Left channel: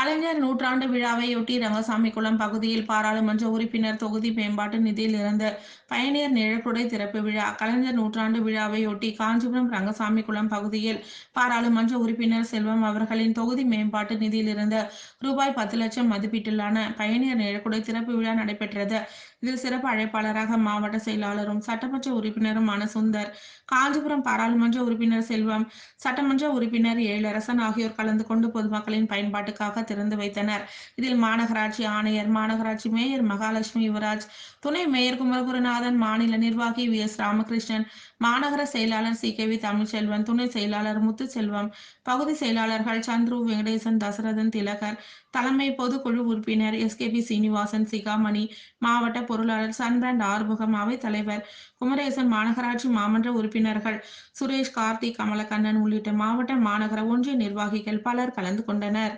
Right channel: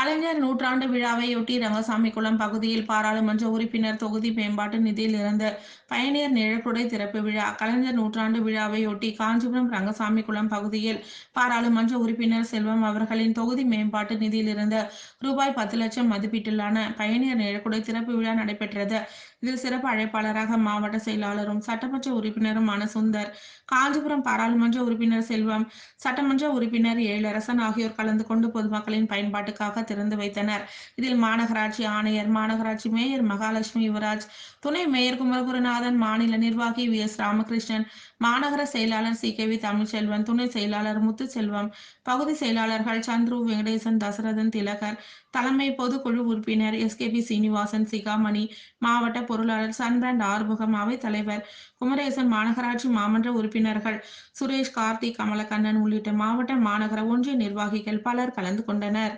கலைஞர் நூற்றாண்டு விழாவையொட்டி ரங்கசாமிகுளம் பகுதியில் பாராளுமன்ற உறுப்பினர் தொகுதி மேம்பாட்டு நிதியிலிருந்து பயணியர் நிழற்குடை திறப்பு விழா. கலைஞர் நூற்றாண்டு விழாவையொட்டி காஞ்சிபுரம் ரங்கசாமிகுளம் பகுதியில் பாராளுமன்ற உறுப்பினர் செல்வம் அவர்களின் தொகுதி மேம்பாட்டு நிதியிலிருந்து ரூபாய் 10 லட்சம் மதிப்பீட்டிலான பயணியர் நிழற்குடை திறப்பு விழா நடைபெற்றது. இதில் சிறப்பு அழைப்பாளராக மாவட்ட செயலாளரும் சட்டமன்ற உறுப்பினருமான சுந்தர், காஞ்சிபுரம் பாராளுமன்ற உறுப்பினர் செல்வம், சட்டமன்ற உறுப்பினர் எழிலரசன் ஆகியோர் கலந்து கொண்டு பொதுமக்களின் பயன்பாட்டுக்காக திறந்து வைத்தனர். இதில் மாநகராட்சி ஆணையர், மாநகராட்சி மேயர் மகாலட்சுமி யுவராஜ், துணை மேயர் குமரகுருநாதன், மாநில நிர்வாகி வி.எஸ். ராமகிருஷ்ணன், மாநகர செயலாளர் சி.கே.வி. தமிழ்ச்செல்வன், துணை செயலாளர் முத்துச்செல்வம், பகுதி செயலாளர்கள் சந்துரு, வெங்கடேசன், தசரதன், திலகர், தலைமை பொதுக்குழு உறுப்பினர் எஸ்.கே.பி. சீனிவாசன், சிகாமணி, மாவட்ட பொருளாளர் சன்பிரண்ட் ஆறுமுகம், அவைத்தலைவர் குமரேசன், மாநகராட்சி மாமன்ற உறுப்பினர்கள் சுரேஷ், கார்த்திக், கமலக்கண்ணன் உள்ளிட்ட மாவட்ட, மாநகர, ஒன்றிய நிர்வாகிகள் பலர் கலந்து கொண்டனர்.